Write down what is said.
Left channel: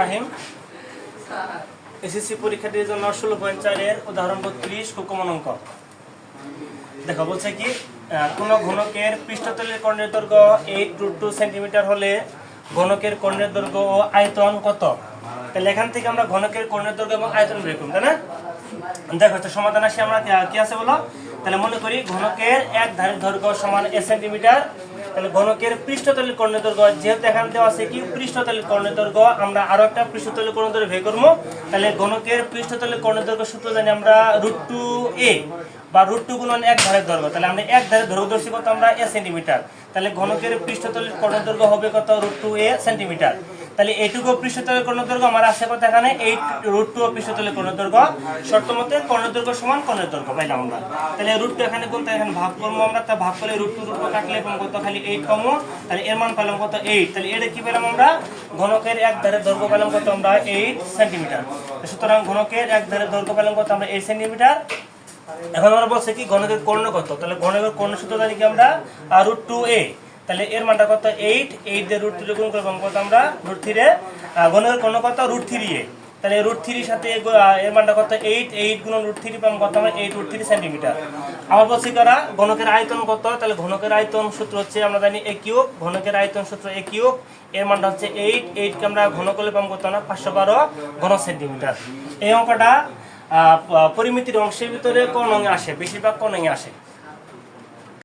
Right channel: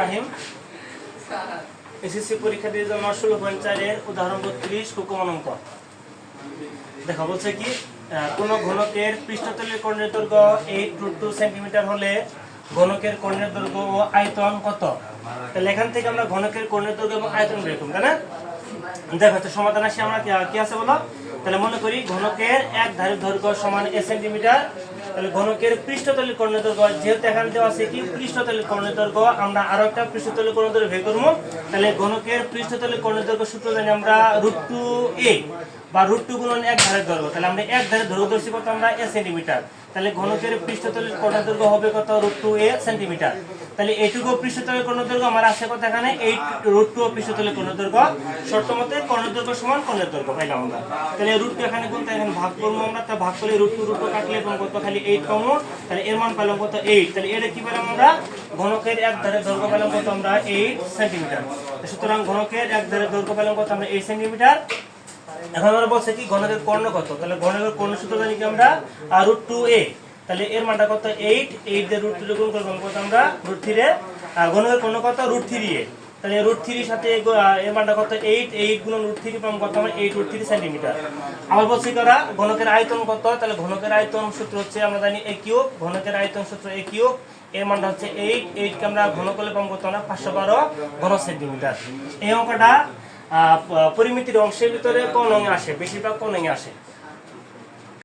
রাহিম। SSC পরীক্ষার্থীর জন্য 16.4 এর উদাহরণ 32 কুকমন অঙ্ক। দেখো বলছে কি কোন ঘনকের পৃষ্ঠতলের কর্ণের দৈর্ঘ্য 8√2 সেন্টিমিটার হলে ঘনকের কর্ণের দৈর্ঘ্য ও আয়তন কত? তাহলে এখান থেকে আমরা ঘনকের কর্ণের দৈর্ঘ্য এবং আয়তন বের করব, তাই না? দেখো তো সমাধান আসে আমরা কি আছে বলো। তাহলে মনে করি ঘনকের এক ধারের দৈর্ঘ্য সমান a সেন্টিমিটার। তাহলে ঘনকের পৃষ্ঠতলের কর্ণের দৈর্ঘ্য, যেহেতু এখানে দেওয়া আছে কি পৃষ্ঠতলের কর্ণের দৈর্ঘ্য, আমরা আরো একটা পৃষ্ঠতলের কর্ণের দৈর্ঘ্য বের করব। তাহলে ঘনকের পৃষ্ঠতলের কর্ণের দৈর্ঘ্য সূত্র জানি আমরা √2a বা √2 গুণন এক ধারের দৈর্ঘ্য। তাহলে আমরা এক ধারের দৈর্ঘ্য ধরছি কত, আমরা a সেন্টিমিটার। তাহলে ঘনকের পৃষ্ঠতলের কর্ণের দৈর্ঘ্য হবে কত, √2a সেন্টিমিটার। তাহলে এইটুকু পৃষ্ঠতলের কর্ণের দৈর্ঘ্য আমার আছে কত, এখানে 8√2 পৃষ্ঠতলের কর্ণের দৈর্ঘ্য। শর্ত মতে কর্ণের দৈর্ঘ্য সমান কর্ণের দৈর্ঘ্য পাইলাম আমরা। তাহলে √2 এখানে গুণতে এখানে ভাগ করবো আমরা, তা ভাগ করলে √2 কাটলে এবং কত খালি 8 পাবো। তাহলে এর মান পেলাম কত, 8। তাহলে এটা কি পেলাম আমরা, ঘনকের এক ধারের দৈর্ঘ্য পেলাম কত আমরা 8 সেন্টিমিটার। সুতরাং ঘনকের এক ধারের দৈর্ঘ্য পেলাম কত আমরা 8 সেন্টিমিটার। এখন আমরা বলছে কি ঘনকের কর্ণ কত, তাহলে ঘনকের কর্ণ সূত্র জানি কি আমরা √2a। তাহলে এর মানটা কত 8 দিয়ে √2 গুণ করব কত আমরা √3 এ। ঘনকের কর্ণ কত √3a। তাহলে √3 সাথে এর মানটা কত 8 গুণ √3 পাবো কত আমরা 8√3 সেন্টিমিটার। আবার বলছি কারা ঘনকের আয়তন কত, তাহলে ঘনকের আয়তন সূত্র হচ্ছে আমরা জানি a কিউব। ঘনকের আয়তন সূত্র a কিউব, এর মানটা হচ্ছে 8 কে আমরা ঘন করলে পাবো কত আমরা 512 ঘন সেন্টিমিটার। এই অঙ্কটা পরিমিতির অংশের ভিতরে কোন অঙ্গে আসে, বেশিরভাগ কোন অঙ্গে আসে।